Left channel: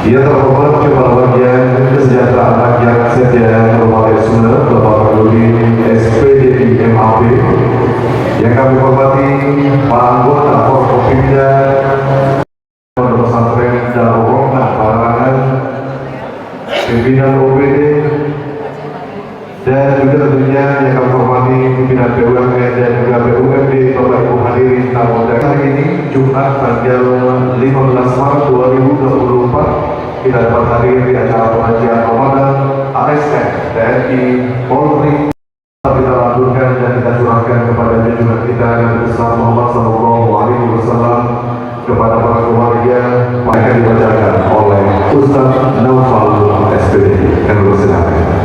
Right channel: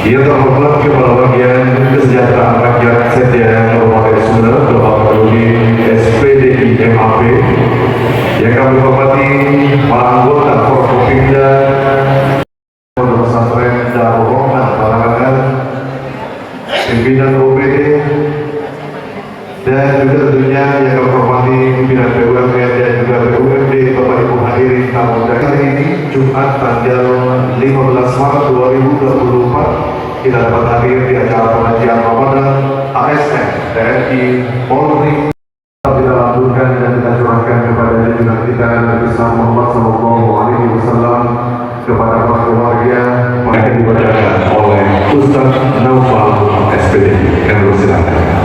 Dia terhormat Kepala Bagian Kesejahteraan Rakyat Setia Kabupaten Sumber, Bapak Rudi SPDI MAP, yang kami hormati para anggota Forkopimda Pondok Pesantren Darul Rahmah Barangan, pimpinan OPD, dan juga tentunya yang kami hormati pimpinan BUMN dan juga BUMD Bapak Ibu hadirin tamu hari ini Jumat tanggal 15 Maret 2024 kita dapat hadir di acara pengajian Ramadan ASN TNI Polri. Kita lanjutkan dan kita curahkan kepada junjungan kita Nabi besar Muhammad Sallallahu Alaihi Wasallam, kepada para keluarga mereka dibacakan oleh Ustaz Naufal SPD. Kami persilakan.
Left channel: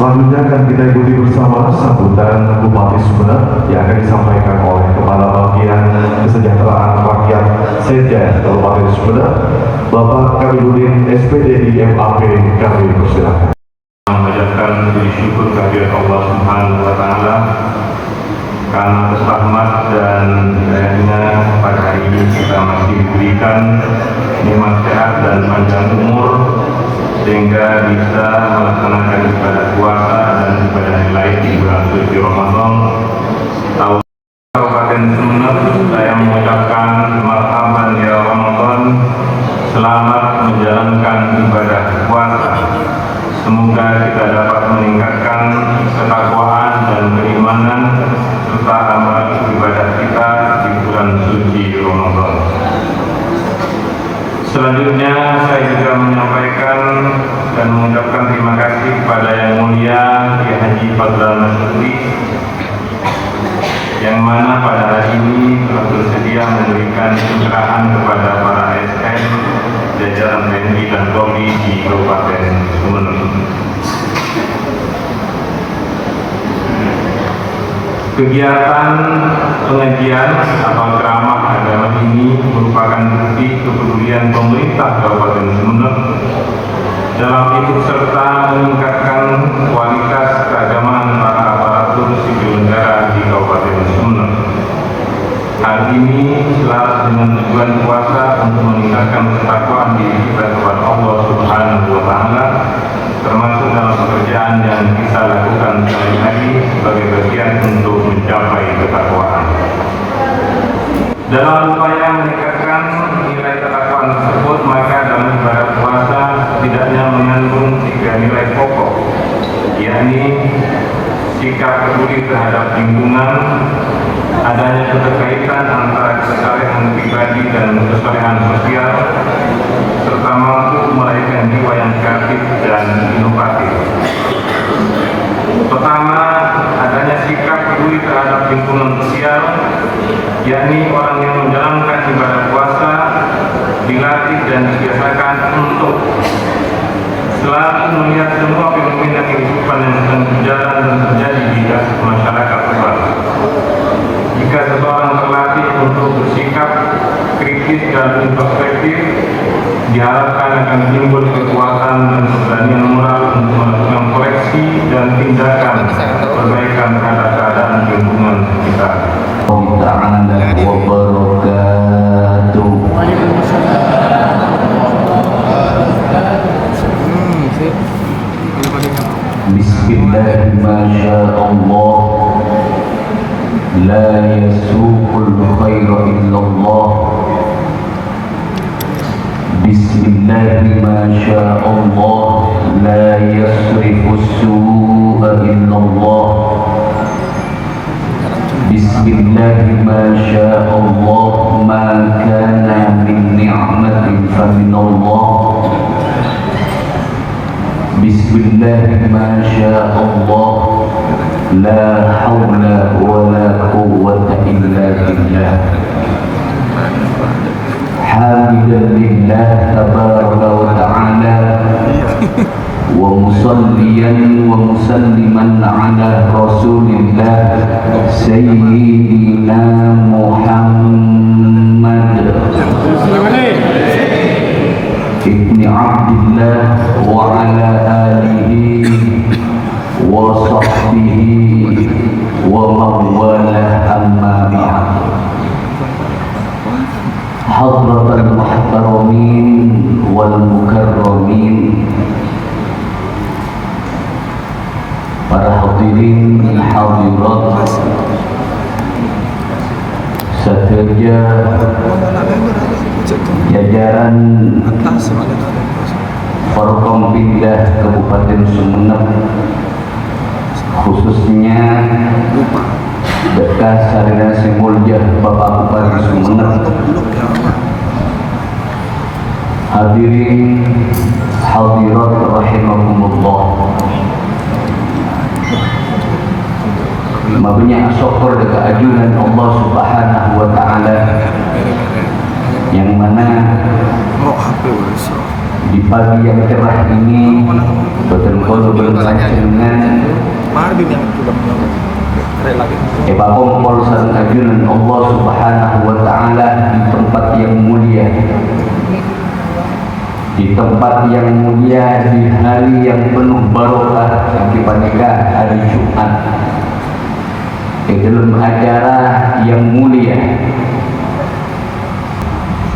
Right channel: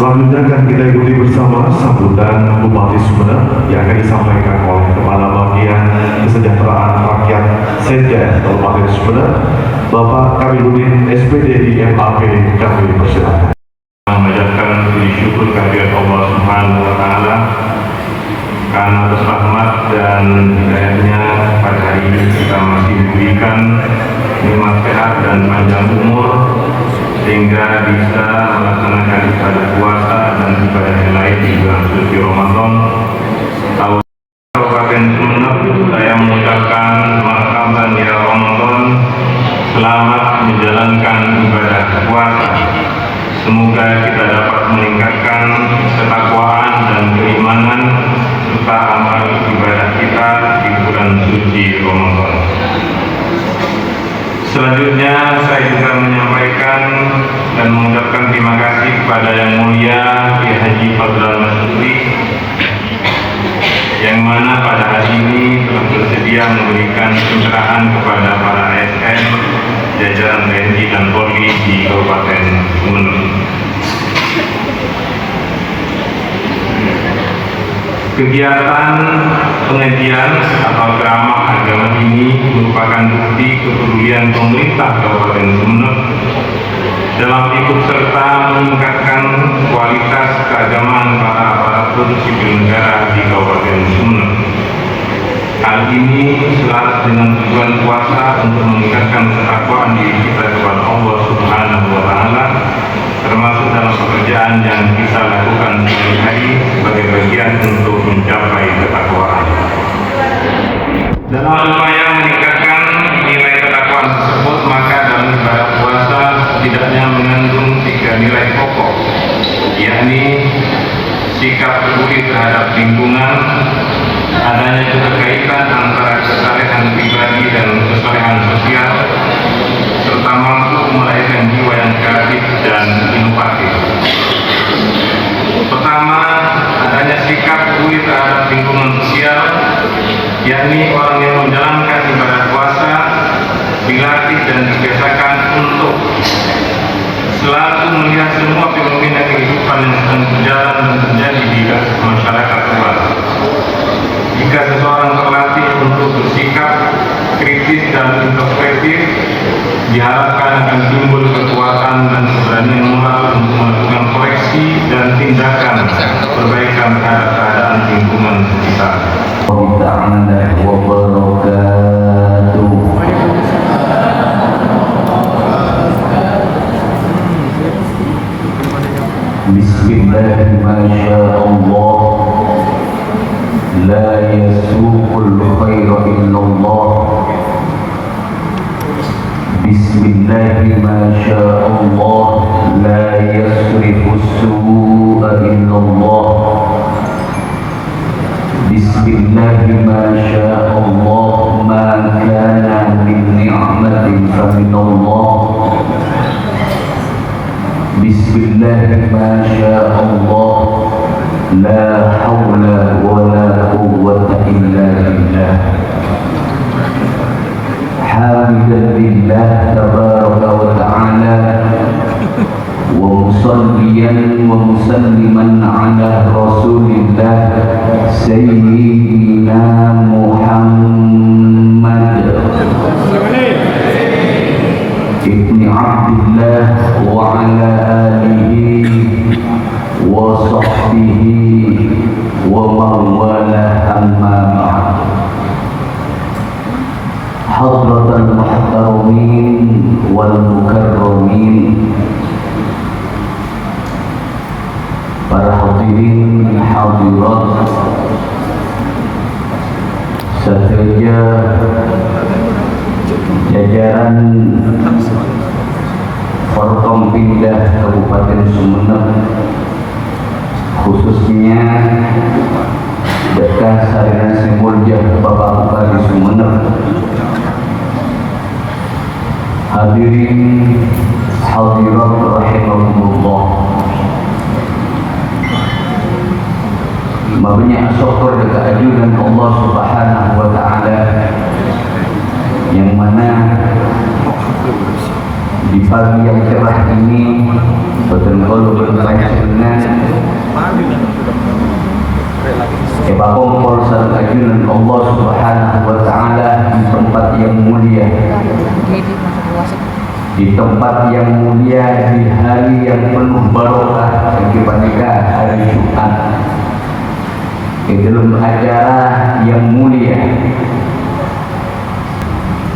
Selanjutnya akan kita ikuti bersama sambutan Bupati Sumeneb yang akan disampaikan oleh Kepala Bagian Bapak Kamiludin SPD MAP, kami persilakan. Mengucapkan puji syukur kehadirat Allah Subhanahu wa Ta'ala karena atas rahmat dan hidayahnya pada hari ini kita masih diberikan nikmat sehat dan panjang umur sehingga bisa melaksanakan ibadah puasa dan ibadah lain di bulan suci Ramadan. Kabupaten Sumeneb, saya mengucapkan marhaban ya Ramadan, selamat menjalankan ibadah puasa. Semoga kita dapat meningkatkan ketakwaan dan keimanan serta amal ibadah kita di bulan suci Ramadan. Selanjutnya saya juga menyampaikan dan mengucapkan terima kasih kepada Yang Mulia Kiai Haji Fadlan Masudi yang mana pada hari ini telah bersedia memberikan pencerahan kepada para ASN jajaran TNI dan Polri di Kabupaten Sumeneb. Kegiatan pengajian atau ceramah agama ini merupakan bukti kepedulian pemerintah Kabupaten Sumeneb dalam ikut serta meningkatkan kualitas keagamaan para aparatur sipil negara di Kabupaten Sumeneb. Hal ini selaras dengan tujuan puasa untuk meningkatkan ketakwaan diri kita kepada Allah Subhanahu wa Ta'ala, termasuk dalam pekerjaan yang kita lakukan sehari-hari sebagai bagian untuk mencapai ketakwaan. Dalam upaya meningkatkan nilai ketakwaan tersebut, maka dalam ibadah puasa setidaknya mengandung 3 nilai pokok, yakni sikap peduli terhadap lingkungan, adanya keterkaitan antara kesalehan pribadi dan kesalehan sosial, serta mampu melahirkan jiwa yang kreatif dan inovatif. Pertama, adanya sikap peduli terhadap lingkungan sosial, yakni orang yang menjalankan ibadah puasa dilatih dan dibiasakan untuk selalu melihat semua fenomena kehidupan yang sedang berjalan dan terjadi di masyarakat luas. Jika seseorang terlatih untuk bersikap kritis dan introspektif, diharapkan akan timbul kekuatan dan keberanian moral untuk melakukan koreksi dan tindakan perbaikan terhadap keadaan lingkungan sekitar. Bismillahirrahmanirrahim. La yasuqul khaira illallah. Bismillahirrahmanirrahim. La yasrifus su'a illallah. Bismillahirrahmanirrahim. Ma kana min ni'matin faminallah. Bismillahirrahmanirrahim. La hawla wa la quwwata illa billah. Hamidan lillah tabaraka wa ta'ala wa musalliyan wa musalliman ala rasulillah sayyidina Muhammad ibni Abdillah wa ala alihi wa sahbihi wa mawala amma ba'd. Hadratal muhtaramin wal mukarramin, para hadirin hadirat sekerja jajaran Forkompinda Kabupaten Sumeneb, khususnya Dekat Sarina Simulja Bapak Bupati Sumeneb, hadirin hadirat rahimahumullah. Banyak syukur dan keadilan Allah Subhanahu wa Ta'ala, yang mana di pagi yang cerah ini betul-betul berpanjangan Kepapongkol dan keadilan Allah Subhanahu wa Ta'ala di tempat yang mulia, tempat yang mulia, di hari yang penuh barokah yang dipanggil hari Jumat, di dalam acara yang mulia.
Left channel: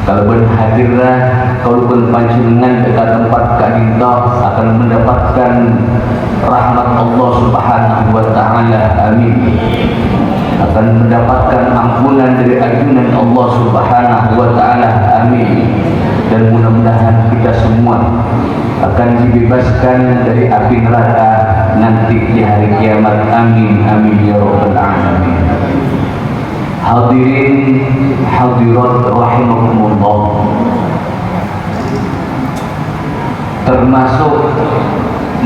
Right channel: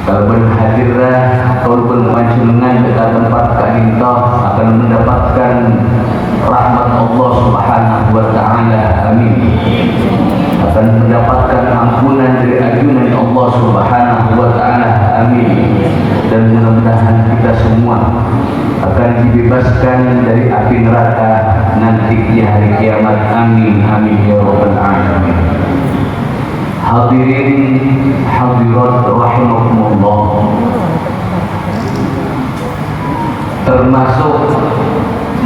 Kalau hadirlah kalau berpanjenengan ke tempat kita akan mendapatkan rahmat Allah Subhanahu wa taala. Amin. Akan mendapatkan ampunan dari ajunan Allah Subhanahu wa taala. Amin. Dan mudah-mudahan kita semua akan dibebaskan dari api neraka nanti di hari kiamat. Amin. Amin ya rabbal alamin. Hadirin hadirat rahimakumullah, termasuk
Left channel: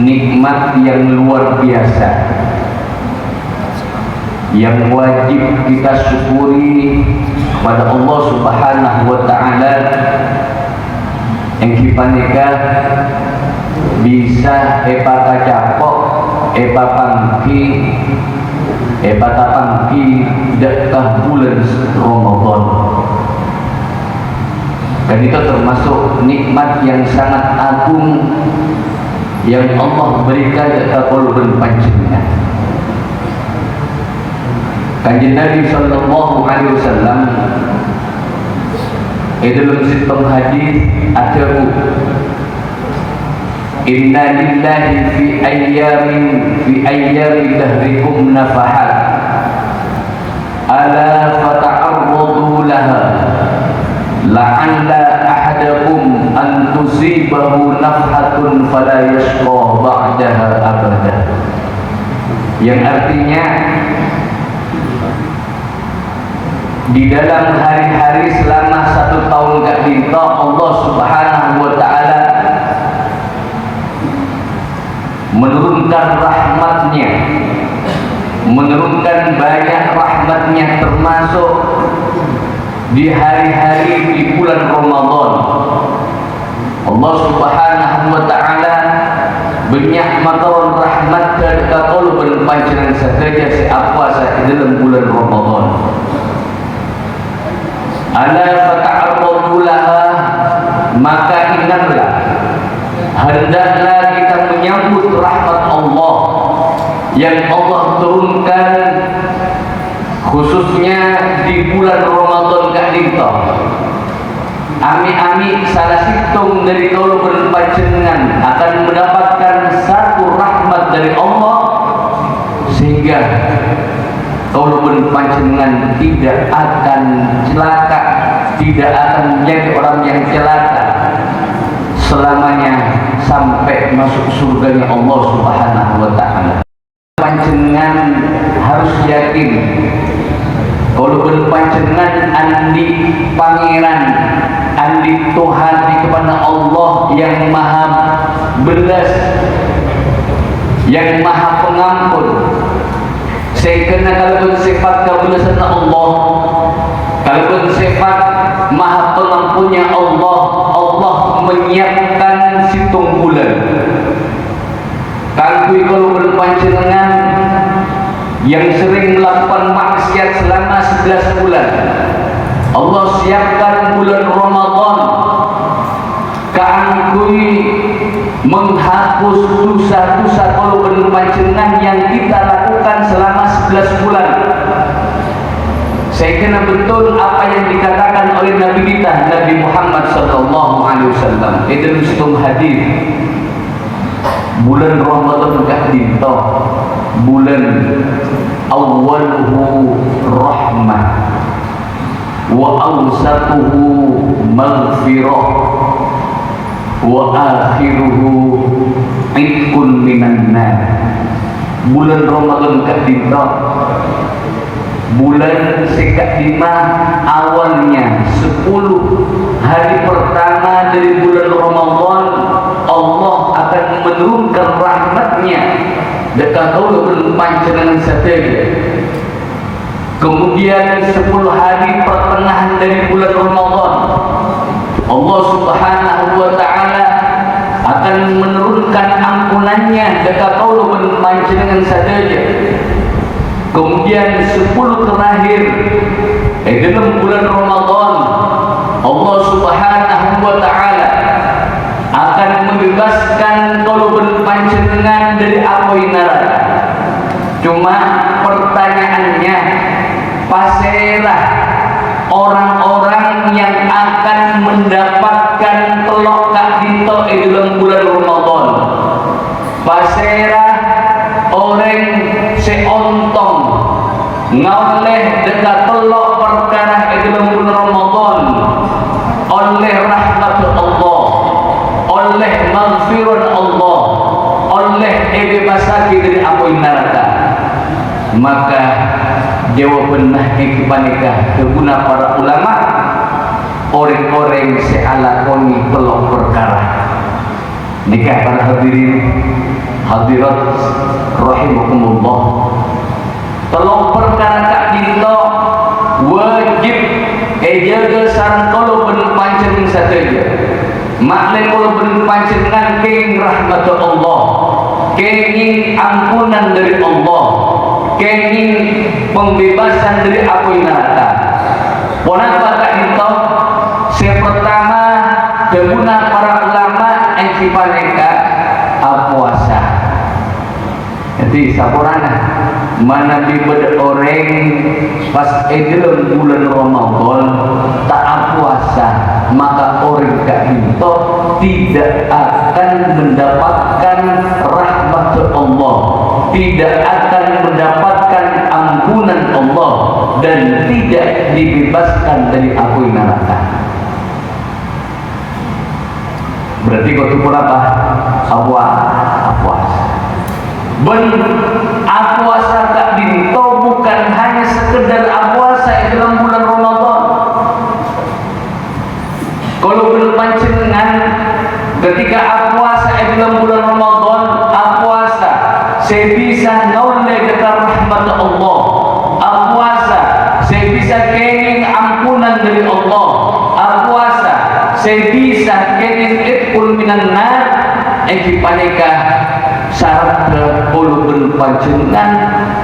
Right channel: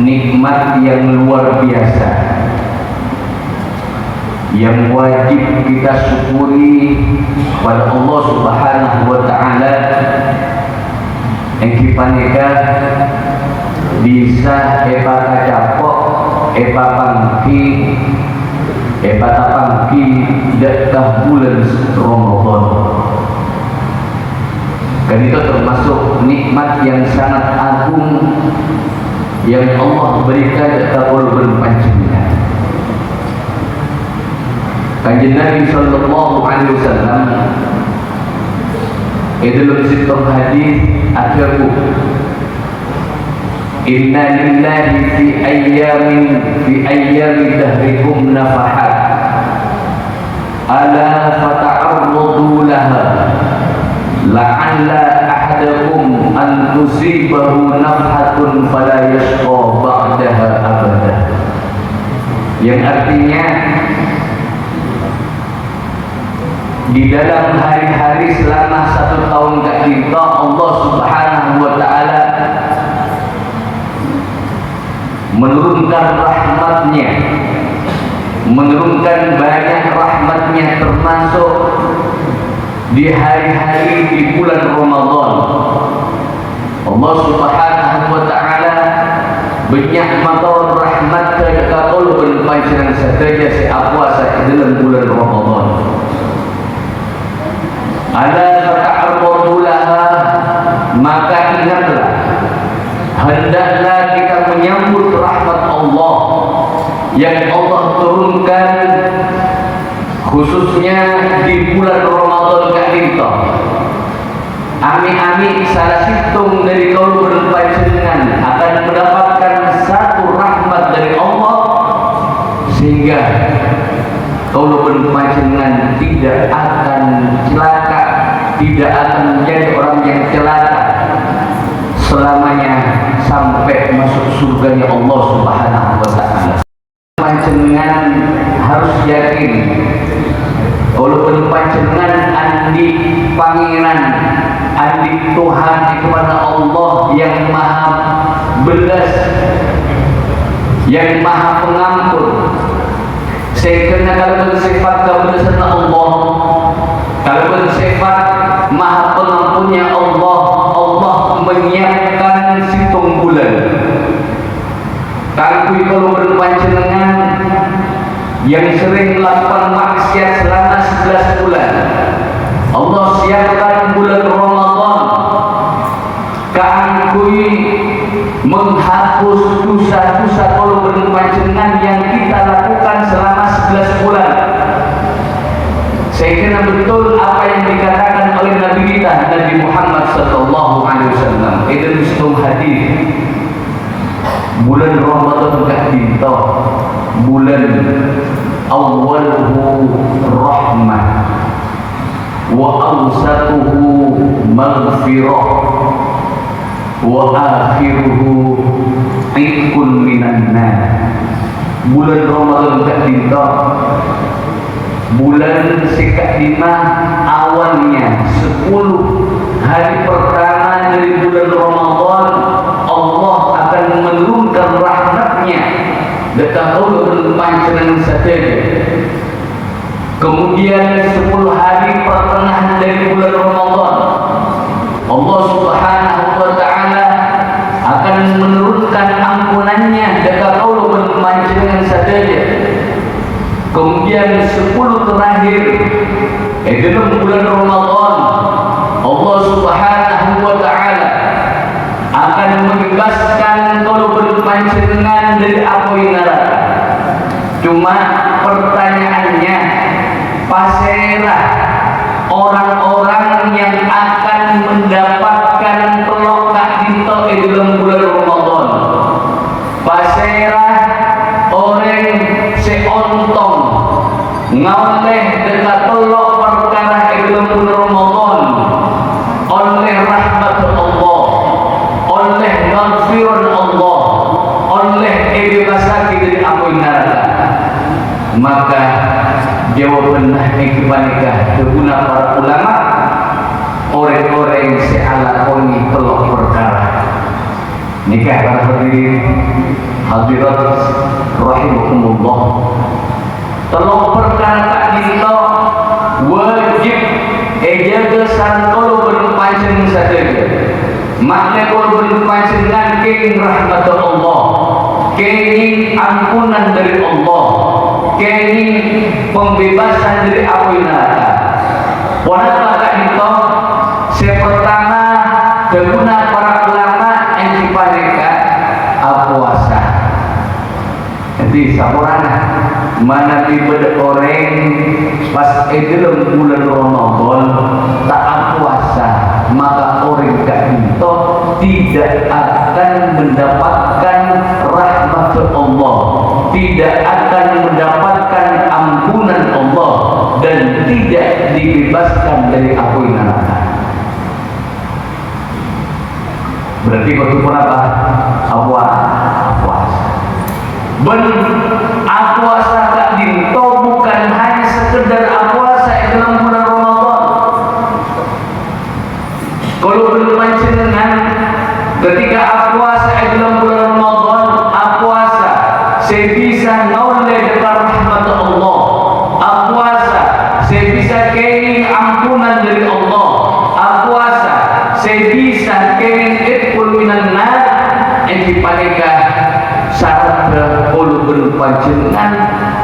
nikmat yang luar biasa yang wajib kita syukuri kepada Allah Subhanahu wa taala, yang dipanika bisa epata capok epata pangki dekat bulan Ramadan. Dan itu termasuk nikmat yang sangat agung yang Allah berikan kepada ulul panjenengan. Kanjeng Nabi sallallahu alaihi wasallam dalam satu hadis akhir, inna lillahi fi ayyami dahrikum nafahat ala fata'arradu laha la'alla ahadakum an tusibahu nafhatun fala yashqa ba'daha abada. Yang artinya di dalam hari-hari selama 1 tahun kita Allah Subhanahu wa taala menurunkan rahmatnya, menurunkan banyak rahmatnya, termasuk di hari-hari di bulan Ramadan. Allah Subhanahu wa taala bernyakmatan rahmat kepada kaulun panjenengan saja seapa dalam bulan Ramadan. Ala fata'arradu laha, maka ingatlah, hendaklah kita menyambut rahmat Allah yang Allah turunkan khususnya di bulan Ramadan kita. Ami-ami salah situng dari kaulun panjenengan akan mendapatkan satu rahmat dari Allah, sehingga kaulun panjenengan tidak akan celaka, tidak akan menjadi orang yang celaka selamanya sampai masuk surganya Allah Subhanahu wa taala. Panjenengan harus yakin walaupun panjenengan andi pangeran, andi Tuhan kepada Allah yang maha belas, yang maha pengampun. Sehingga kalau bersifat kebelasan Allah, kalau bersifat maha pengampunnya Allah, Allah menyiapkan situng bulan. Kalau berpanjenengan yang sering melakukan maksiat selama 11 bulan, Allah siapkan bulan Ramadan kangkui menghapus dosa-dosa kalau berpanjenengan yang kita lakukan selama 11 bulan. Saya kena betul apa yang dikatakan oleh Nabi kita, Nabi Muhammad sallallahu alaihi wasallam. Itu satu hadis. Bulan Ramadan tak dinta, bulan awwaluhu rahmah wa awsatuhu maghfirah wa akhiruhu itqun minan nar. Bulan Ramadan tak dinta, bulan sekat lima awalnya 10 hari pertama dari bulan Ramadan, Allah akan menurunkan rahmatnya dekat ulul panjenengan saja. Kemudian 10 hari pertengahan dari bulan Ramadan, Allah Subhanahu wa taala akan menurunkan ampunannya dekat ulul panjenengan saja. Kemudian 10 terakhir dalam bulan Ramadan, Allah Subhanahu wa taala akan guna para ulama orang-orang sealakoni kelok perkara nikah para hadirin hadirat rahimakumullah. Telok perkara tak dinto wajib jaga santolo berpancen saja makna kalau berpancengan keng rahmat Allah, kenging ampunan dari Allah, kenging pembebasan dari api neraka. Ponak laka itu sepertama deguna para ulama yang mereka puasa. Jadi saburana mana dibeda orang pas dalam bulan Ramadan tak puasa, maka orang itu tidak akan mendapatkan rahmat Allah, tidak akan mendapatkan ampunan Allah, dan tidak dibebaskan dari api neraka. Berarti kau tuh apa? Puasa. Puasa tak dinto bukan hanya sekedar puasa dalam bulan Ramadan. Kalau berpancengan ketika puasa dalam bulan Ramadan, puasa saya bisa noleh dekat rahmat Allah, puasa saya bisa kenging ampunan dari Allah, puasa saya bisa kenging ikul minan nar. Enti panika syarat kalau berpancengan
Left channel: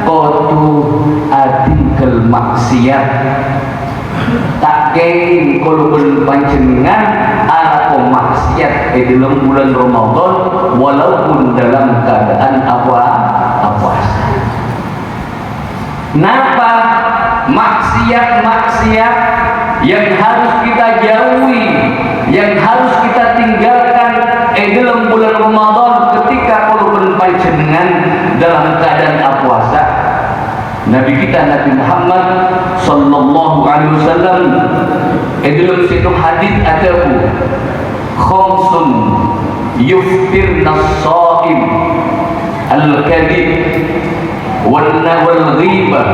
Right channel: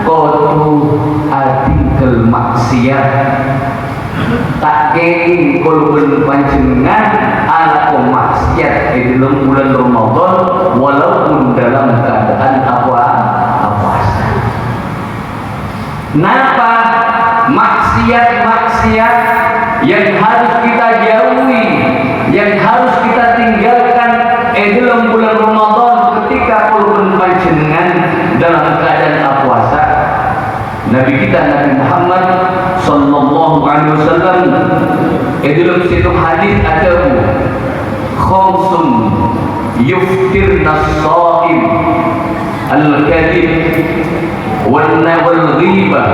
kotu adikal maksiat tak kenging kalau berpancengan aku maksiat di dalam bulan Ramadan walaupun dalam keadaan puasa. Napa maksiat-maksiat yang harus kita jauhi, yang harus kita tinggalkan dalam bulan Ramadan ketika perlu berpancengan dalam keadaan puasa. Nabi kita Nabi Muhammad sallallahu alaihi wasallam dalam satu hadis ada khamsun yuftirna as-shaim al-kadhib wal ghibah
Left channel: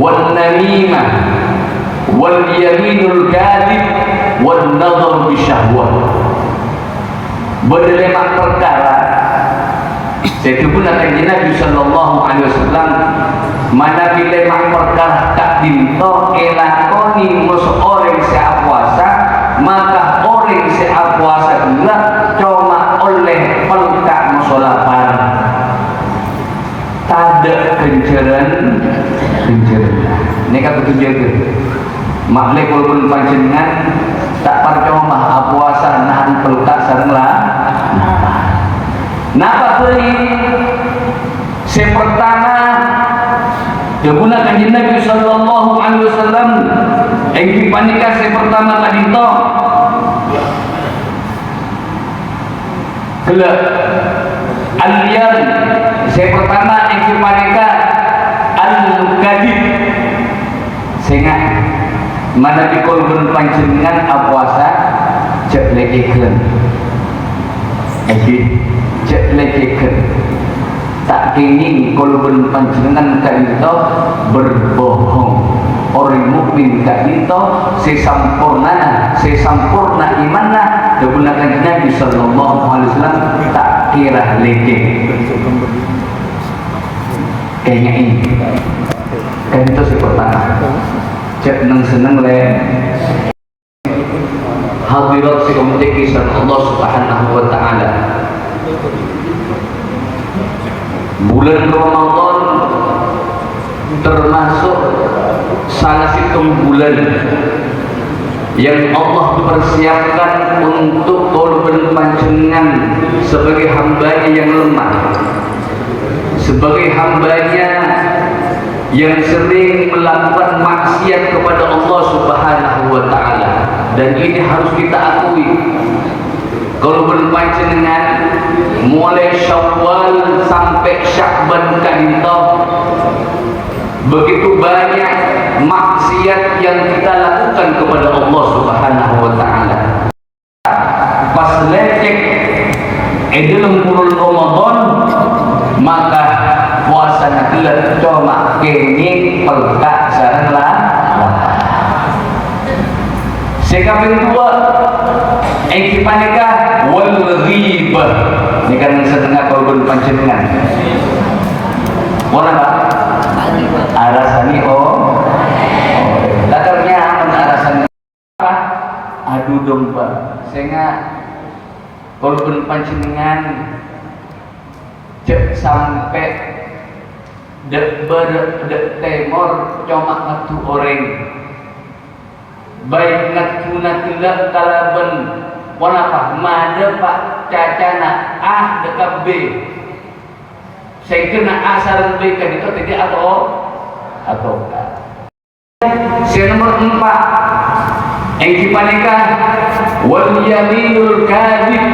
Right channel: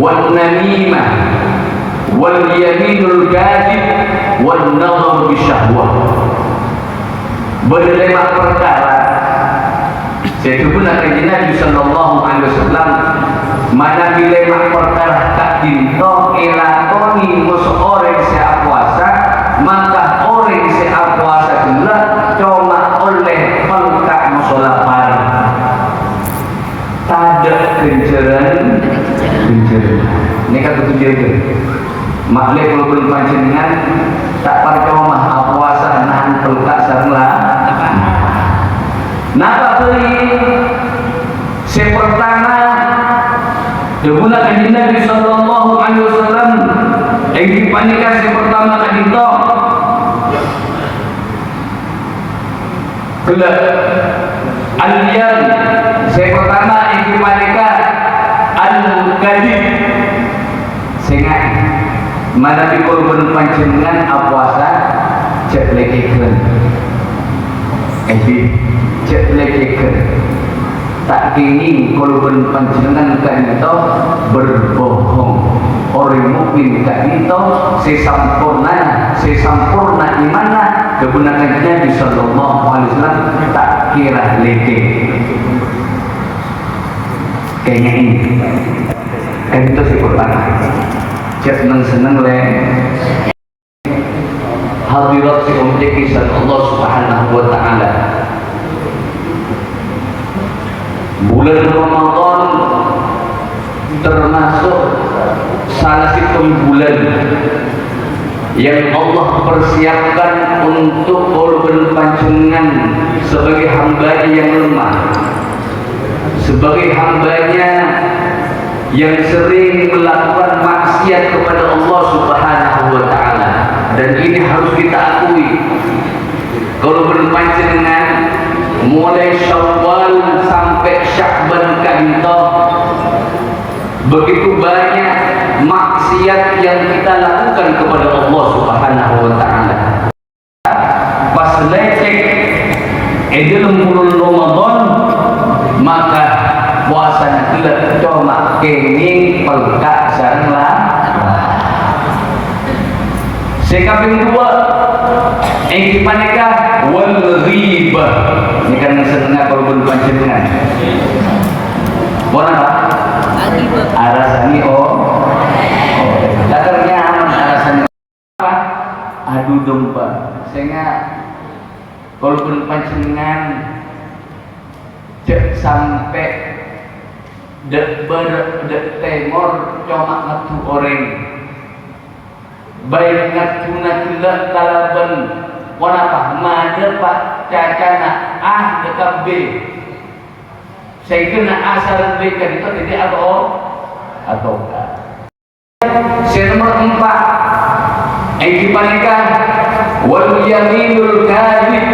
wal namimah wal yaminul kadhib wal nadhar bisyahwah. Berlima perkara itu pun akan Nabi sallallahu alaihi wasallam mana dilema perkara tak dinto elakoni musoreng sea puasa, maka orang sea puasa pula cuma oleh pelkak musolapar tada kenceran ini kan betul jaga maklum kalau berpancengan tak percuma puasa nahan pelkak sarenglah. Napa beli sepertama deguna kanjeng Nabi sallallahu alaihi wasallam yang dipanika sepertama tadi to kelak al-yam sepertama yang dipanika al-kadhib sehingga mana dikul berpancengan puasa cek lekekeun cek lekekeun tak ingin kalau berpancengan kan itu berbohong. Orang mukmin kan itu sesampurna imannya digunakan Nabi sallallahu alaihi wasallam tak kira lekek. Kayaknya ini itu sih pertama cek seneng le hadirat si umat kisah Allah subhanahu wa ta'ala. Bulan Ramadan termasuk salah satu bulan yang Allah persiapkan untuk korban pancengan sebagai hambanya yang lemah, sebagai hambanya yang sering melakukan maksiat kepada Allah subhanahu wa ta'ala. Dan ini harus kita akui, kalau berpancengan mulai Syawal sampai Sya'ban kanto begitu banyak maksiat yang kita lakukan kepada Allah subhanahu wa ta'ala. Pas lecek dalam bulan Ramadan maka puasanya tidak cuma kini pelkak sarenglah Sekaping dua ikipanika wal ghibah. Ini kan setengah kalau panjenengan. Mana Pak? Arasani datangnya aman arasani apa? Adu domba. Sehingga kalau panjenengan cek sampai dek temor cuma ngatu orang baik ngatu kalaban wanapah mada pak cacana dekat B saya kena asal B kan itu tidak atau nomor 4 yang dipanikah wal yaminul kadhib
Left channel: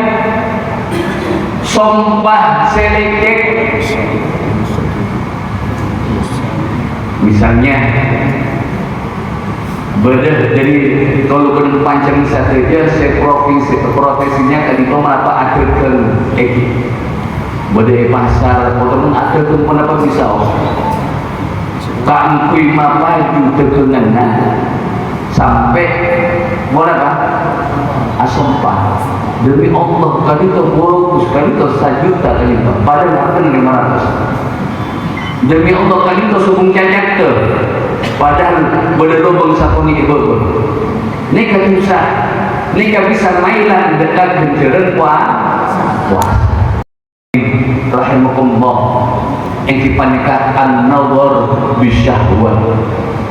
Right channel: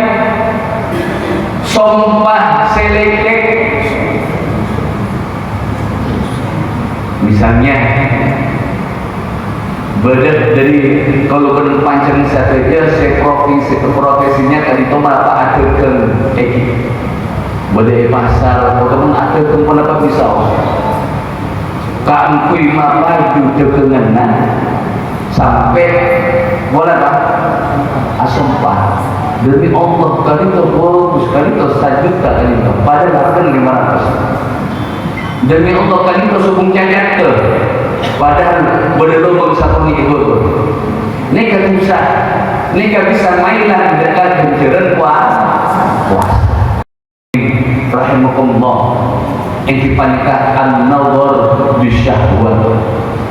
sumpah selekek. Misalnya beda dari kalau pancen saja saya profesinya kan itu apa adegan beda pasar atau adegan kenapa bisa kan kui mapaju degengan sampai boleh Pak asumpah demi Allah kali itu bagus kali itu 1 juta kali itu padahal harga 500 demi Allah kali itu suku cacat tu padahal boleh lubang satu ni itu ni kan bisa mainlah dekat penjalan puasa rahimakumullah yang dipanikkan nawar bisyahwat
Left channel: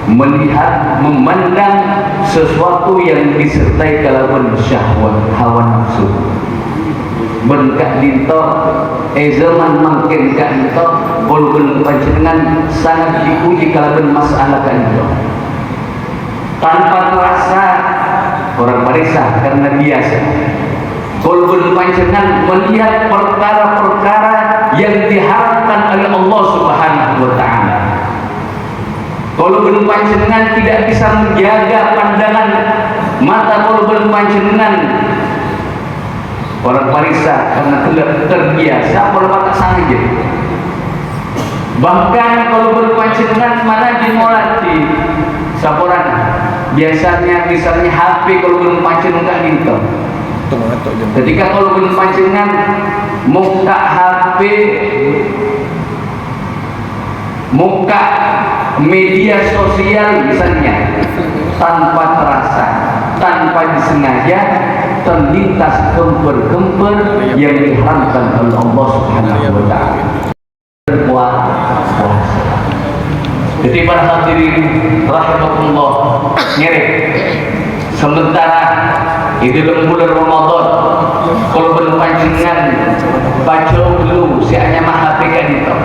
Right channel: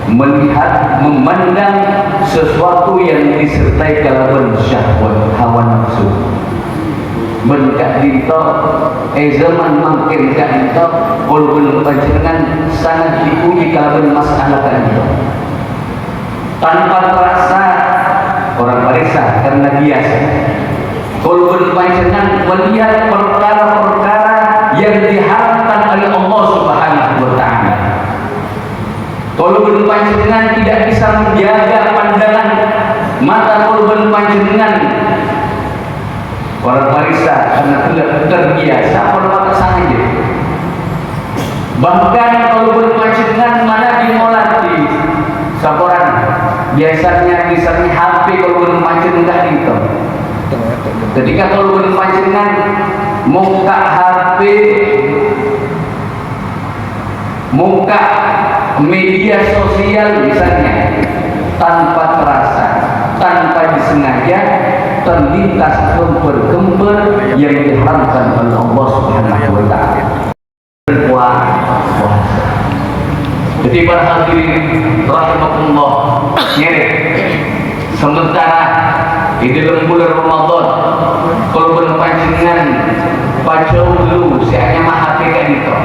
melihat memandang sesuatu yang disertai kelawan syahwat hawa nafsu berkat dinto zaman mungkin kak dinto walaupun panjenengan sangat diuji kelawan masalah kak dinto tanpa terasa orang periksa karena biasa walaupun panjenengan melihat perkara-perkara yang diharamkan oleh Allah Subhanahu wa Ta'ala. Kalau panjenengan tidak bisa menjaga pandangan mata korban panjenengan orang parisa karena tidak terbiasa berbakat saja. Bahkan kalau panjenengan mana dimolati saporan biasanya misalnya HP kalau panjenengan itu. Ketika kalau panjenengan muka HP muka media sosial misalnya tanpa terasa tanpa disengaja terlintas gemper-gemper yang diharamkan oleh Allah Subhanahu wa Ta'ala berpuasa. Jadi para hadirin rahimakumullah nyeri sementara di dalam bulan Ramadan kalau berpanjangan baca dulu saya mah hati kan itu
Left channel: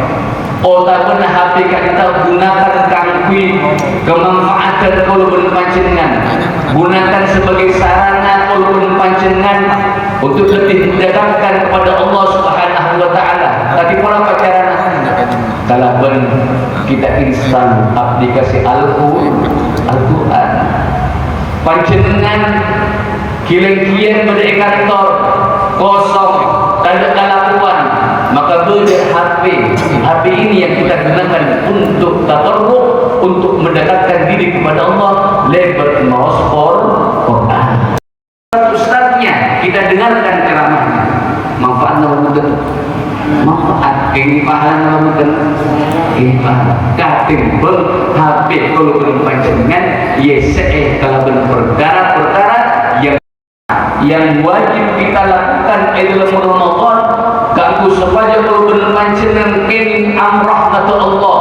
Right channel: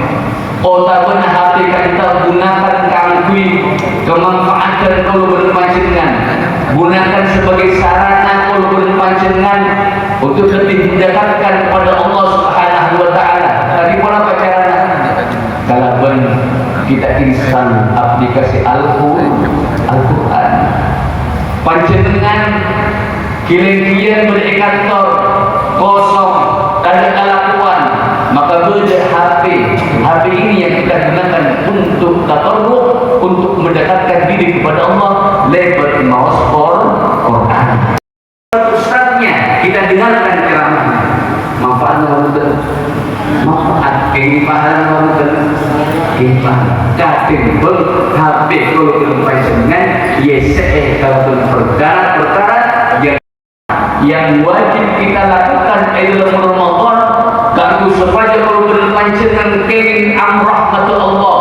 otaknya hati kan itu gunakan kangkui kemanfaatan kalau berpanjangan gunakan sebagai sarana kalau berpanjangan untuk lebih mendekatkan kepada Allah Subhanahu wa Ta'ala. Tadi pola pacaran kalau kita install aplikasi Al-Quran panjenengan kirim-kirim berdekator kosong tak ada lakukan maka beda HP ini yang kita gunakan untuk tabarruk untuk mendekatkan diri kepada Allah lewat Quran ustaznya kita dengarkan ceramahnya manfaatnya mudah manfaat ini pahala mudah ini dating HP kalau belum panjenengan yese kalau perkara-perkara yang wajib kita lakukan dalam Ramadan kalau supaya kalau berpanjangan kenging amrah kata Allah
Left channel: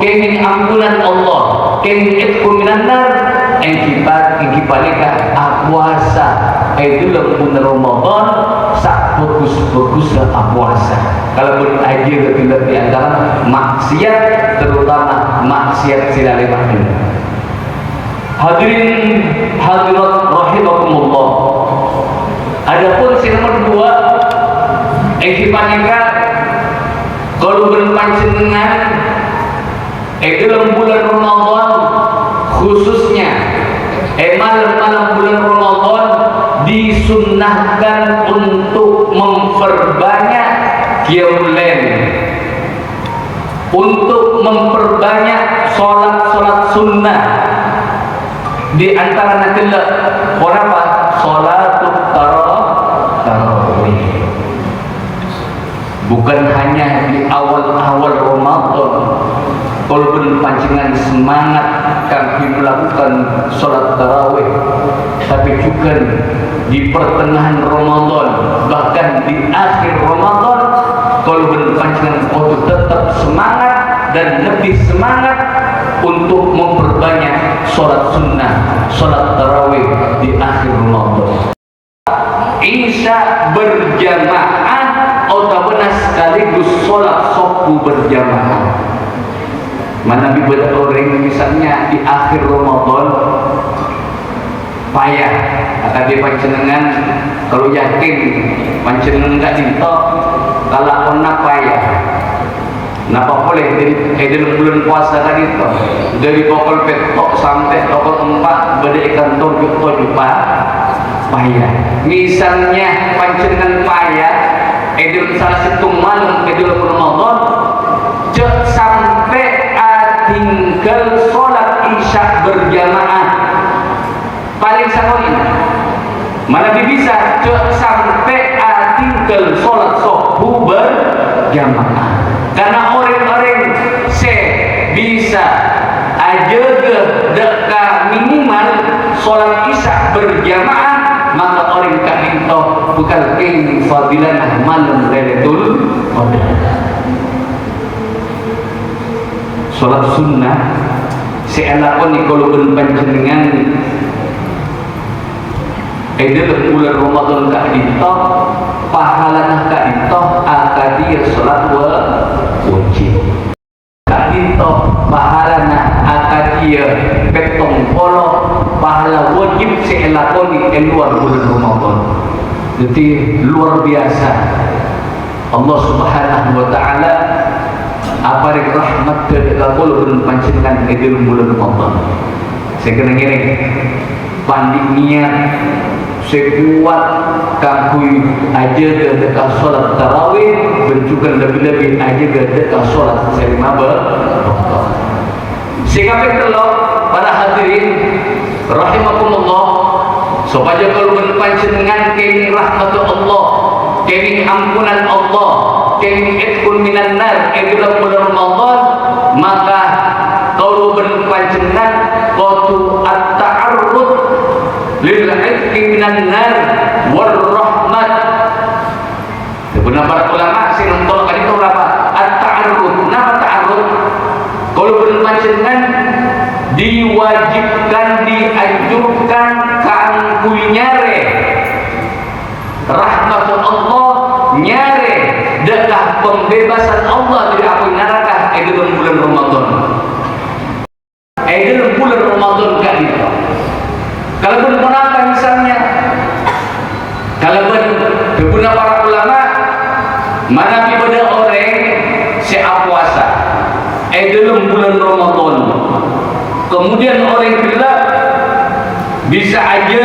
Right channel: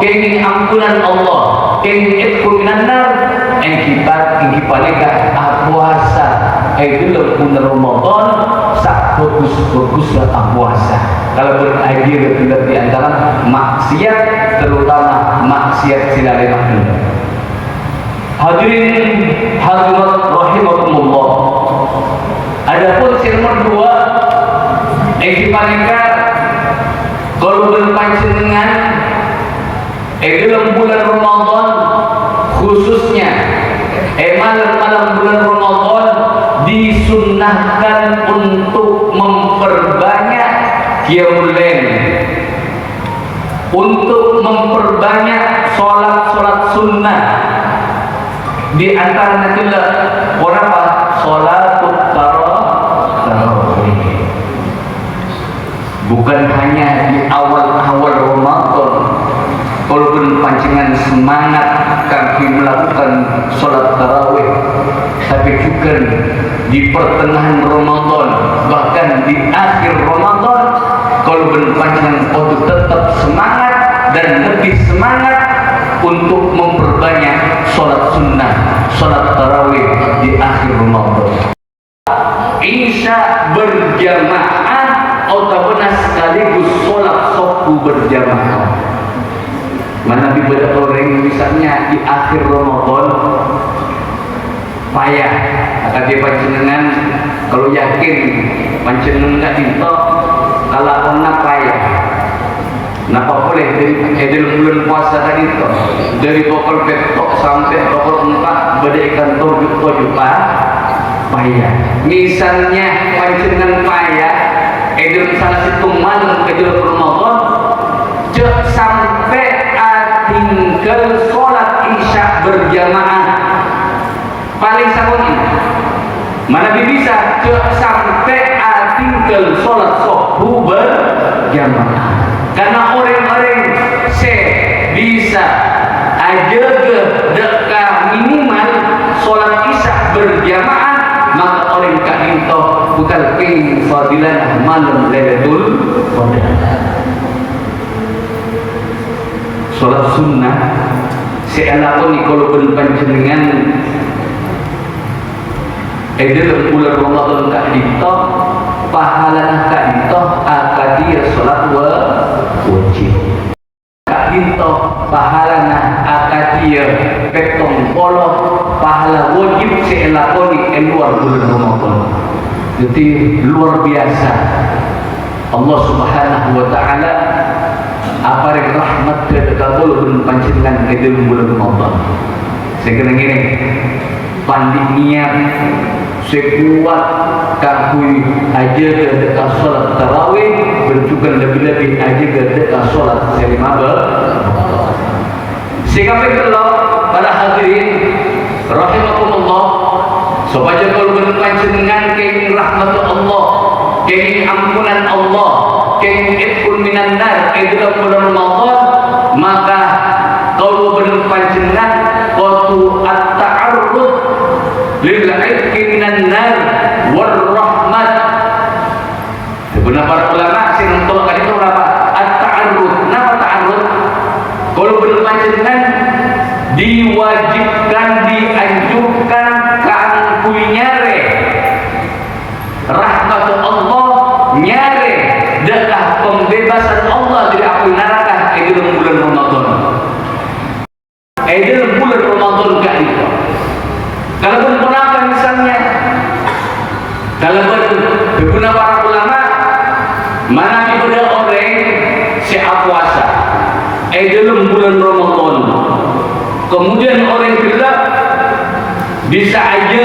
kenging ampunan Allah kenging itqu minan nar kita panikah puasa dalam bulan Ramadan sak bagus-baguslah puasa kalau berakhir tidak di antara maksiat terutama maksiat silalemah hadirin hadirat rahimakumullah. Adapun nomor 2 dipanika kalau berpanjangan dalam bulan Ramadan khususnya malam bulan Ramadan disunnahkan untuk memperbanyak qiyamul lail untuk memperbanyak sholat sunnah di antara orang apa? Sholatul tarawih. Bukan hanya di awal-awal Ramadan, walaupun pancingan semangat kami melakukan sholat tarawih, tapi juga di pertengahan Ramadan, bahkan di akhir Ramadan, kalau berpancingan untuk tetap semangat dan lebih semangat untuk memperbanyak sholat sunnah, sholat tarawih di akhir Ramadan. Isya berjamaah atau sekaligus sholat subuh berjamaah. Mana beberapa orang misalnya di akhir Ramadan payah, akan dia panjenengan kalau yakin panjenengan tak ditok kalau kena payah. Napa boleh dari bulan puasa tadi toh dari pukul petok sampai pukul 4 berdaikan tujuh juta payah. Misalnya panjenengan payah dalam salah satu malam ke dalam Ramadan sampai tinggal sholat isya berjamaah paling sakoni mana bisa sampai tinggal sholat subuh berjamaah, karena orang-orang bisa aja dekat minimal sholat isya berjamaah, maka orang tak minta bukan fadilah malam Lailatul Qadar. Sholat sunnah seandainya kalau pun panjenengan dalam bulan Ramadan tak ditok pahala tak ditok akan dia sholat wajib tak ditok pahala akan dia petong polo pahala wajib seandainya luar bulan Ramadan. Jadi luar biasa Allah Subhanahu wa Ta'ala apa yang rahmat terkabul belum pancingan di dalam bulan Ramadan. Sekarang ini pandai niat sekuat kakui aja dekat sholat tarawih berjukan lebih-lebih aja dekat sholat selimaba. Sehingga kalau para hadirin rahimakumullah supaya kalau berpancingan kini rahmat Allah, kini ampunan Allah, kini itqun minan nar dalam bulan Ramadan, maka kalau berpancingan waktu at-ta'arrud lil itqi minan nar wal rahmat. Beberapa para ulama sih untuk kali itu apa? At-ta'arrud. Kenapa ta'arrud? Kalau berpancingan diwajibkan, dianjurkan kan nyare rahmat Allah, nyare dekat pembebasan Allah dari api neraka dalam bulan Ramadan. Dalam bulan Ramadan gak itu. Kalau berapa misalnya, kalau berguna para ulama mana pada orang siap puasa dalam bulan Ramadan, kemudian orang gelap bisa aja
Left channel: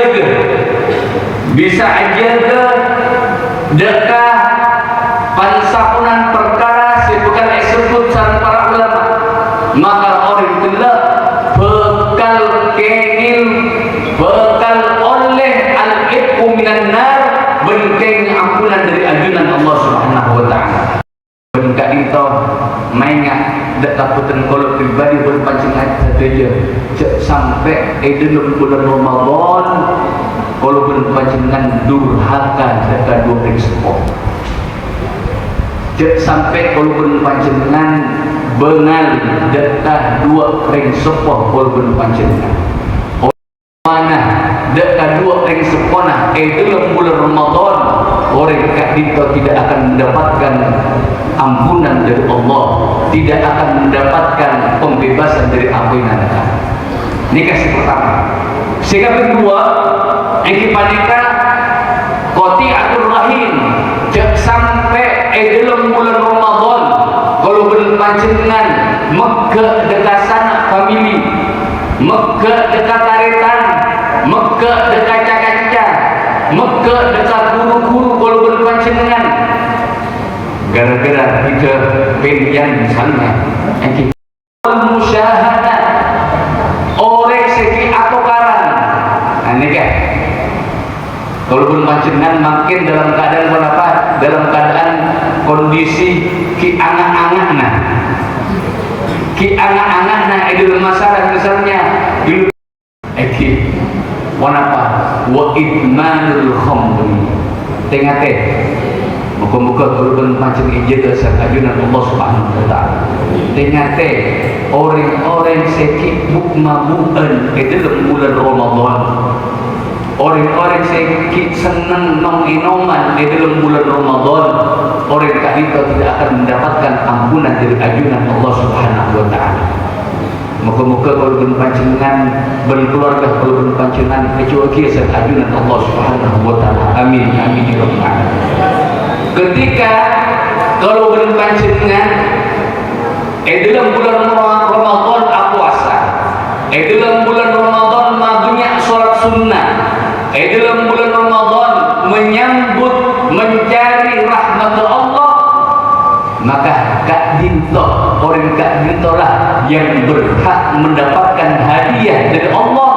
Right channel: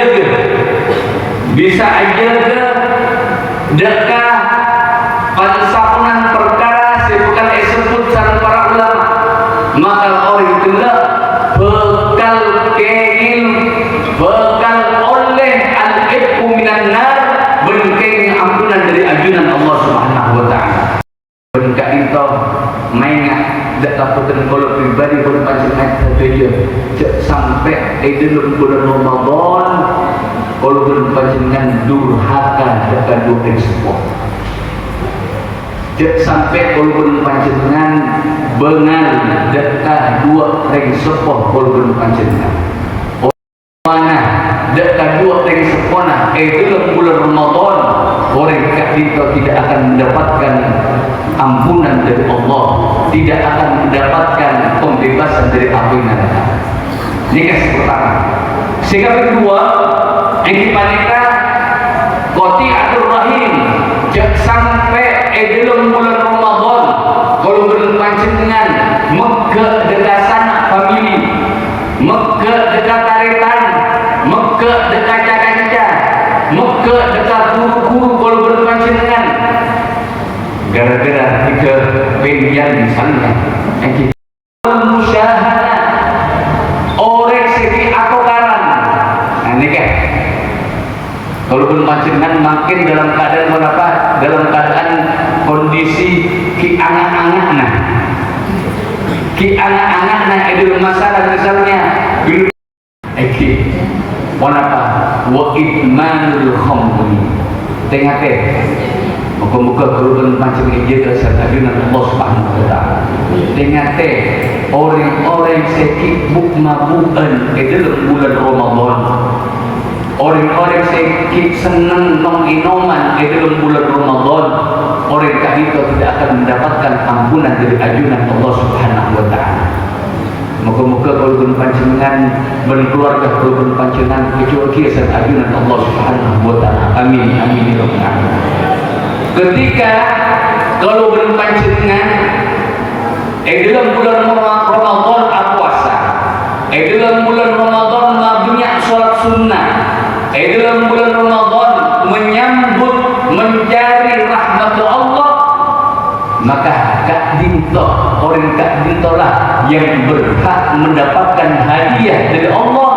dekat pansapunan perkara bukan disebut sama para ulama, maka orang gelap bekal kengil bekal oleh al-itqu minan nar berkengil ampunan dari ajunan Allah Subhanahu wa Ta'ala. Berkat itu maingat dekat putan kalau pribadi berpancingan saja sampai dalam bulan Ramadan kalau berpancingan durhaka dekat dua prinsip. Sampai kalau berpancingan bengal dekat dua prinsip kalau berpancingan. Mana dekat dua prinsip dalam bulan Ramadan orang itu tidak akan mendapatkan ampunan dari Allah, tidak akan mendapatkan pembebasan dari api neraka. Ini kasih pertama. Sehingga kedua, ekipanika qati'atur rahim. Sampai dalam bulan Ramadan kalau berpancingan Mekah dekat sanak famili, Mekah dekat taretan, Mekah dekat caca-caca, Mekah dekat guru-guru kalau berpancingan gara-gara kita pilihan misalnya musyahadah orang segi aku karan ini kan panjenengan makin dalam keadaan apa? Dalam keadaan kondisi ki angan-angan idul masalah misalnya wanapa wa idmanul khamri tengate muka-muka kurban macam ije ke sakajunan Allah Subhanahu wa taala tengate orang-orang sekibuk mabukan dalam bulan Ramadan orang-orang sekib senang nong-inoman dalam bulan Ramadan orang itu tidak akan mendapatkan ampunan dari ajunan Allah Subhanahu wa taala. Moga-moga kalau panjenengan berkeluarga kalau panjenengan kecuali kisah ajunan Allah Subhanahu wa taala. Amin amin ya rabbal alamin. Ketika kalau panjenengan dalam bulan Ramadan puasa, dalam bulan Ramadan banyak salat sunnah, dalam bulan Ramadan menyambut mencari rahmat Allah, maka Kak Dinto orang Kak Dinto lah yang berhak mendapatkan hadiah dari Allah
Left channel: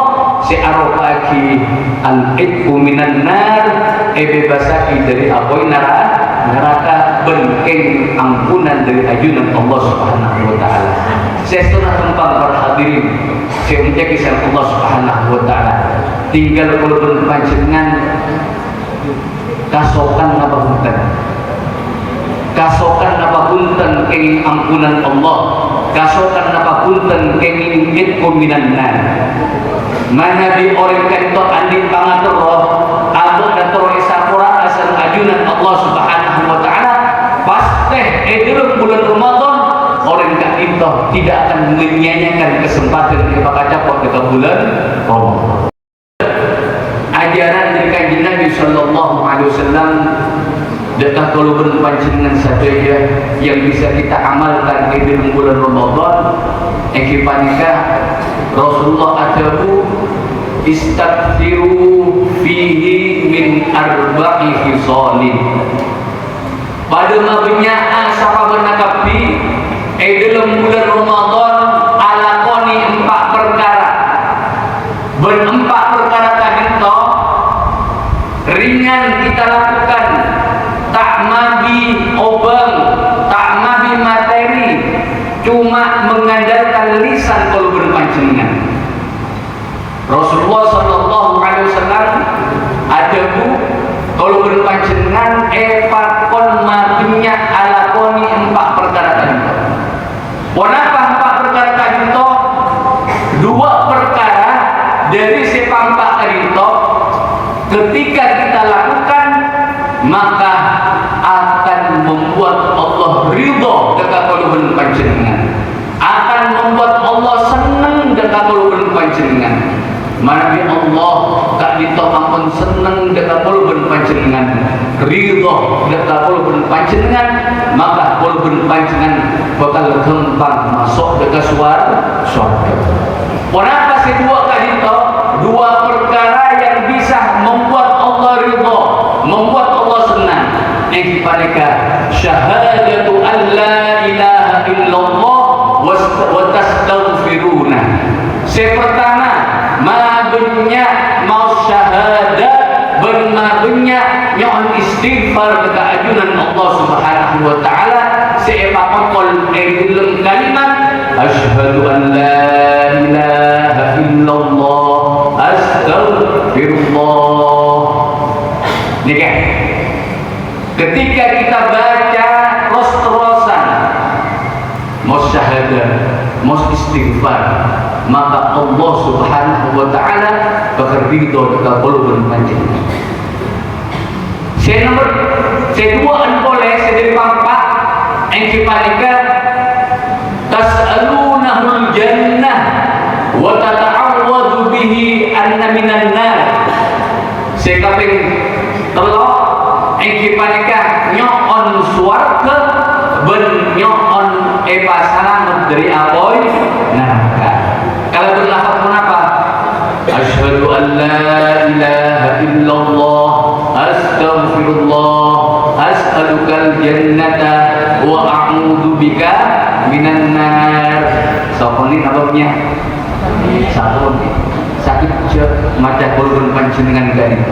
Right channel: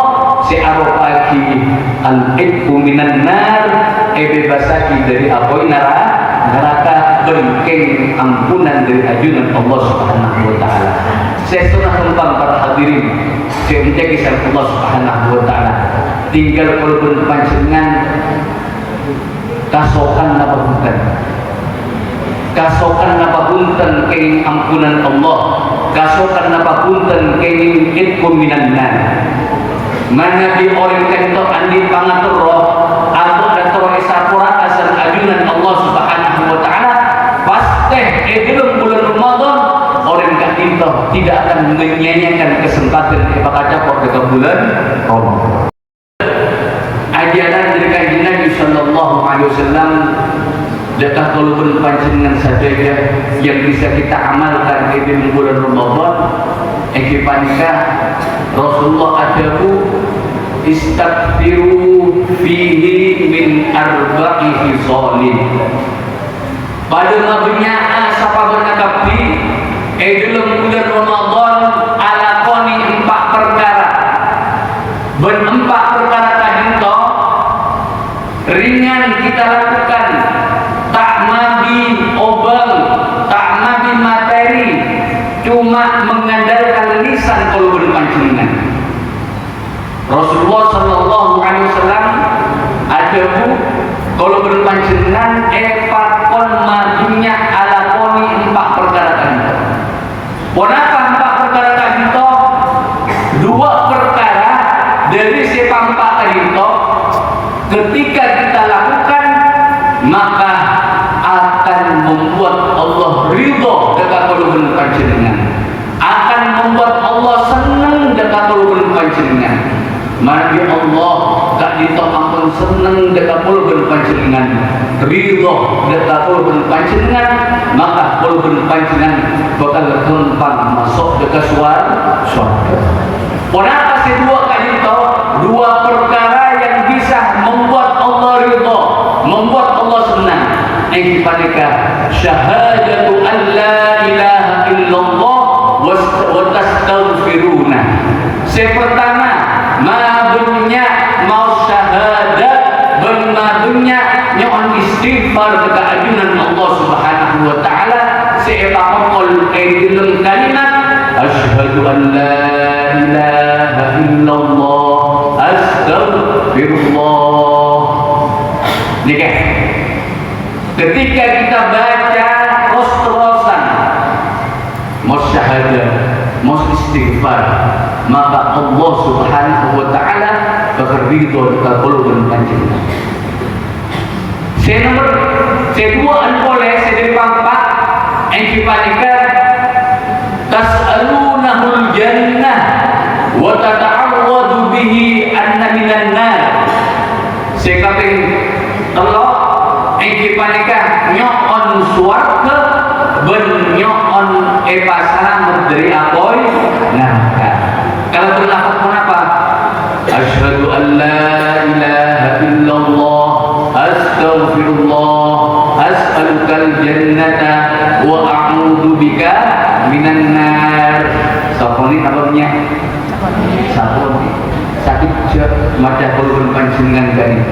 se'arofaki al-idku minan nar bebasaki dari apoy neraka berkeng ampunan dari ajunan Allah Subhanahu wa taala. Saya sudah tentang para hadirin saya menjadi kisah Allah Subhanahu wa taala tinggal kalau panjenengan kasokan apa punten kenging ampunan Allah kasokan apa punten kenging itku minan nar mana di orang kanto andi pangatur roh atau dator esapura asal ajunan Allah Subhanahu wa taala pasti edil bulan Ramadan orang kanto tidak akan menyanyikan kesempatan kepada pada bulan Ramadan. Ajaran dari Kanjeng Nabi sallallahu alaihi wasallam dekat kalau panjenengan saja yang bisa kita amalkan di bulan Ramadan ekipanika Rasulullah ajabu istaghfiru fihi min arba'i khisalin pada mabnya sapa benakapi dalam bulan Ramadan alakoni 4 perkara berempat perkara tadi toh ringan kita lakukan tak mabi obang tak mabi materi cuma mengandalkan lisan kalau berpancingan. Rasulullah sallallahu alaihi wasallam ada bu kalau berpancingan pakon madunya alakoni 4 perkara tadi. Wanapa 4 perkara tadi toh 2 perkara dari sepak 4 tadi toh ketika kita lakukan maka akan membuat Allah ridho dekat kalau panjenengan akan membuat Allah senang dekat kalau panjenengan mari Allah tak ditopangkan senang dekat kalau panjenengan ridho dekat kalau panjenengan maka kalau panjenengan bakal gampang masuk dekat surga. Kenapa sih 2 kali itu 2 perkara yang bisa membuat Allah ridho membuat Allah senang ini mereka syahadatu an la ilaha illallah wa tastaghfiruna pertama madunya mau syahadat benar-benar nyon istighfar kepada ajunan Allah Subhanahu wa taala seepakol dalam kalimat asyhadu an la ilaha illallah astaghfirullah nikah. Ketika kita baca terus-terusan mau syahadat, mau istighfar, maka Allah Subhanahu wa taala bakal ridho dekat qulubun panjenengan. Kedua boleh sedih pampat yang dibalikan tas'alunahul jannah wa tata'awwadu bihi anna minan nar. Sekaping telok ekipanika nyon suarga ben nyon pasana dari apoy neraka. Kalau berlafaz pun apa? Asyhadu an la ilaha illallah astaghfirullah as'alukal jannata wa a'udzu bika minan nar. Soponi namanya satu sakit je mata kolon panjenengan gani.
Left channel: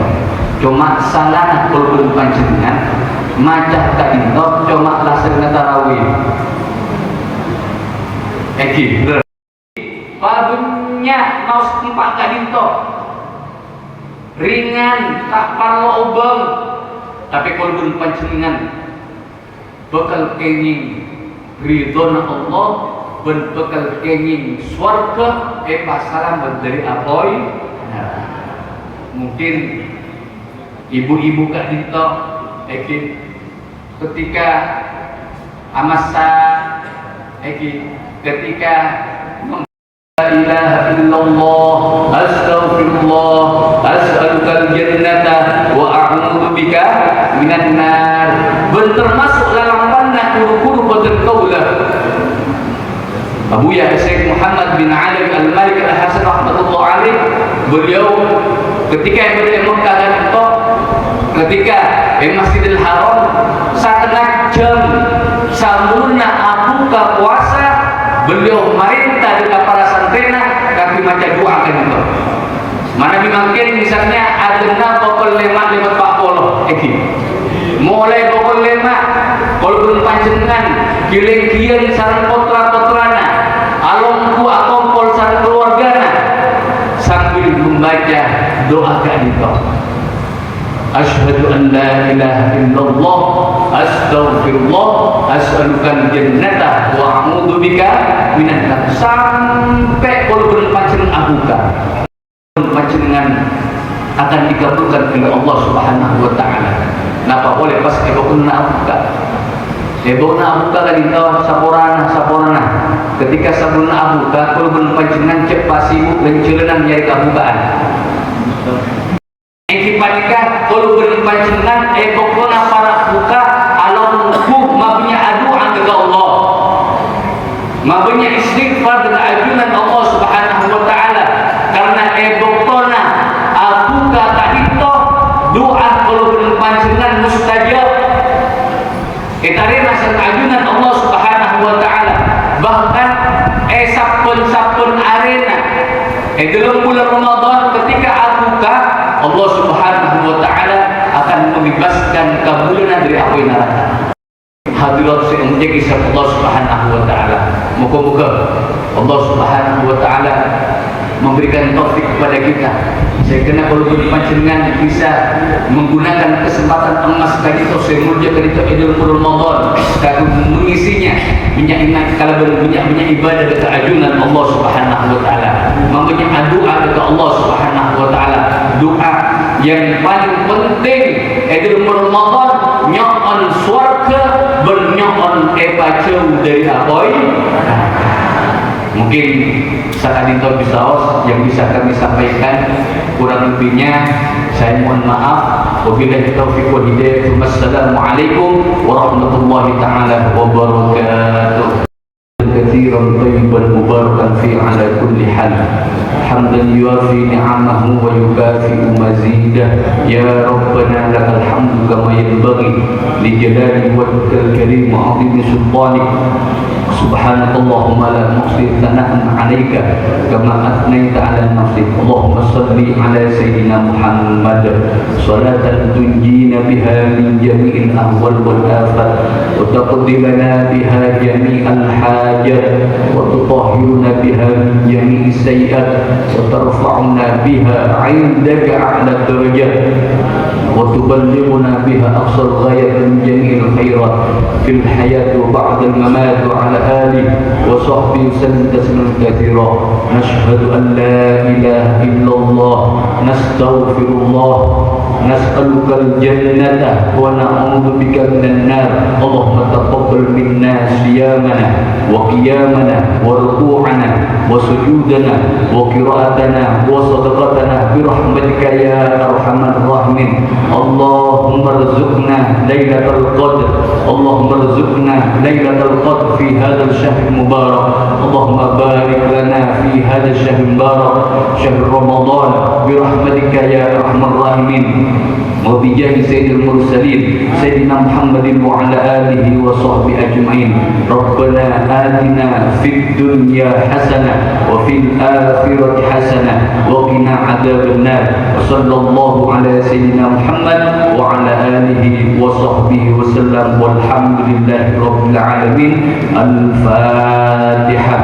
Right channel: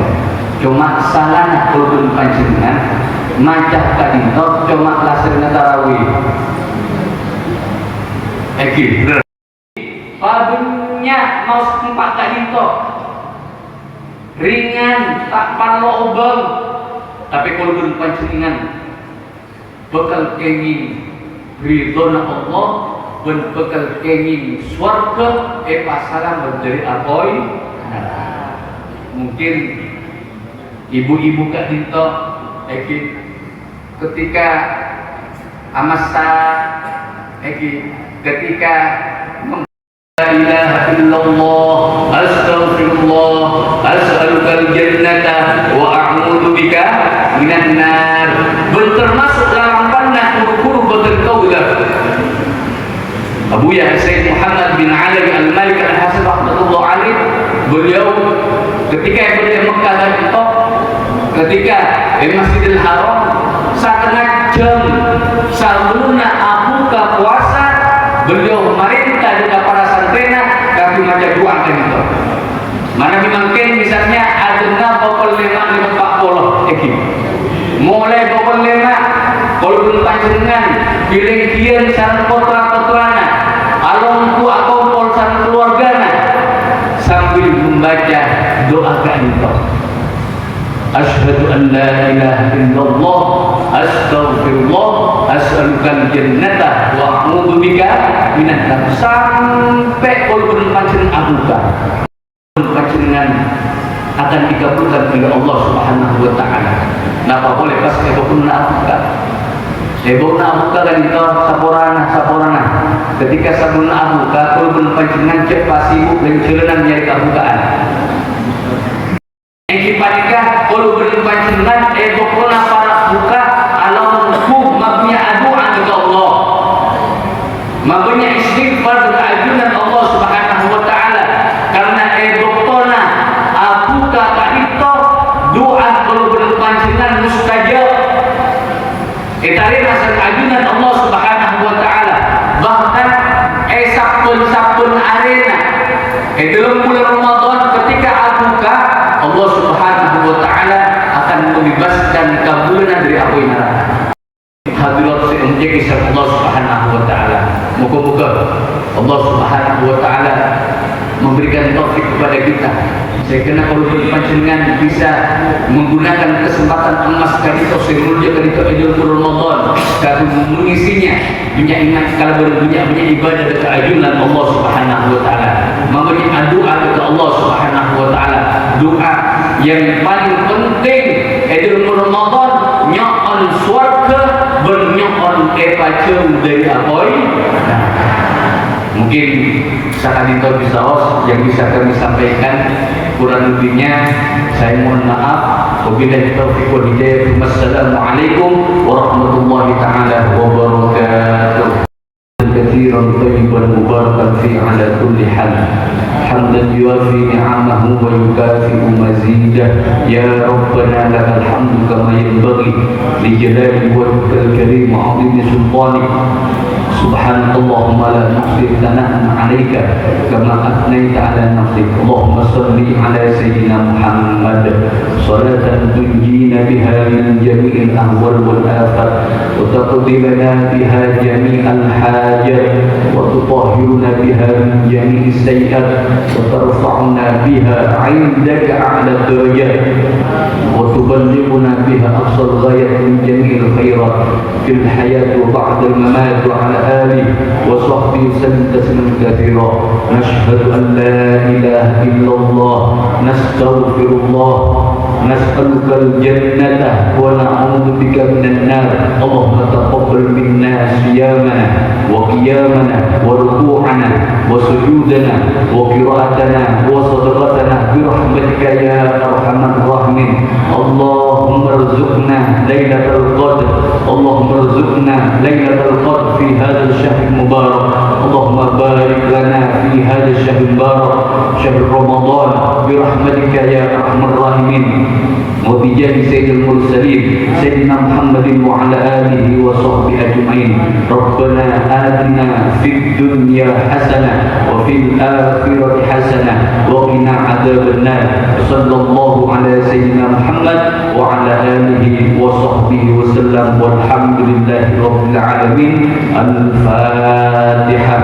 cuma salana kulun panjenengan macah ka dinto cuma laserna tarawih bener padunya maus tempat ka dinto ringan tak parlo ubeng tapi kulun panjenengan bakal kenging ridhona Allah dan bakal kenging swarga pasaran dari apoy. Nah, mungkin ibu-ibu kak dinto ketika amasa ketika la ilaha illallah astaghfirullah as'alukal jannata wa a'udzu bika minan nar termasuk larampanna guru-guru berkaulah Abu Ya Sayyid Muhammad bin Ali Al-Malik Al-Hasan rahmatullah alaih beliau ketika berada di Mekah dan Mekah ketika di Masjidil Haram setengah jam samuna aku ke puasa beliau merintah dengan para santena tapi macam doa kan itu mana dimakin misalnya adena pokok 5:40 mulai pokok 5 kalau belum panjenengan pilih sarang potra-potrana alung ku akompol sarang keluargana sambil membaca doa itu asyhadu an la ilaha illallah astaghfirullah as'alukal jannata wa a'udzu bika minan nar sampai kalau belum panjenengan abuka panjenengan akan dikabulkan oleh Allah Subhanahu wa taala. Napa boleh pas ebokun na abuka kan itu saporana ketika sabun abuka kalau belum panjenengan cek pasibuk dan celenan nyari kabukaan yang kipanikah kalau belum panjenengan ebokun para buka alau hukum mabnya aduan kepada Allah mabnya istighfar dan ajunan Allah Subhanahu wa taala karena ebokona abuka kan itu doa kalau belum panjenengan mustajab Itarina ajunan Allah Subhanahu wa taala bahkan sapun arena dalam bulan Ramadan ketika abuka Allah Subhanahu wa taala akan membebaskan kabulanan dari api neraka hadirat semenjak isya Allah Subhanahu wa taala moga-moga Allah Subhanahu wa taala memberikan taufik kepada kita sehingga kalau panjenengan bisa menggunakan kesempatan emas tadi atau semulja dari Idul Ramadan kalau mengisinya ingat kalau punya ibadah dekat ajunan Allah Subhanahu wa taala mempunyai doa kepada Allah Subhanahu wa taala doa yang paling penting Idul Ramadan nyokon swarga bernyokon jauh dari apoy. Mungkin saat itu bisaos yang bisa kami sampaikan kurang lebihnya saya mohon maaf. Wabillahi taufiq wal hidayah. Wassalamualaikum warahmatullahi taala wabarakatuh. Katsiran thayyiban mubarakan fi ala kulli hal. Hamdan yuafi ni'amahu wa yukafi'u mazidah. Ya Rabbana lakal hamdu kama yanbaghi li jalali wajhikal karim wa 'azimi sultanik. Subhanallahumma la nuhsi thana'an 'alaika kama athnayta 'ala nafsik. Allahumma shalli 'ala sayyidina Muhammad salatan tunjina biha min jami'il ahwal wal afat wa taqdi lana biha jami'al hajat wa tutahhiruna biha min jami'is sayyi'at wa tarfa'una biha 'indaka 'ala darajat wa tuballighuna biha aqsal ghayat min jami'il khairat fil hayat wa ba'da al mamat wa 'ala آله وصحبه وسلم تسليما كثيرا نشهد أن لا إله إلا الله نستغفر الله نسألك الجنة ونعوذ بك من النار اللهم تقبل منا صيامنا وقيامنا وركوعنا وسجودنا وقراءتنا وصدقتنا برحمتك يا أرحم الراحمين اللهم ارزقنا ليلة القدر اللهم ارزقنا ليلة القدر في هذا الشهر المبارك اللهم بارك لنا في هذا الشهر المبارك شهر رمضان برحمتك يا أرحم الراحمين وبجاه سيد المرسلين سيدنا محمد وعلى آله وصحبه أجمعين. ربنا آتنا في الدنيا حسنة وفي الآخرة حسنة وقنا عذاب النار. صلى الله على سيدنا محمد وعلى آله وصحبه وسلم والحمد لله رب العالمين. الفاتحة.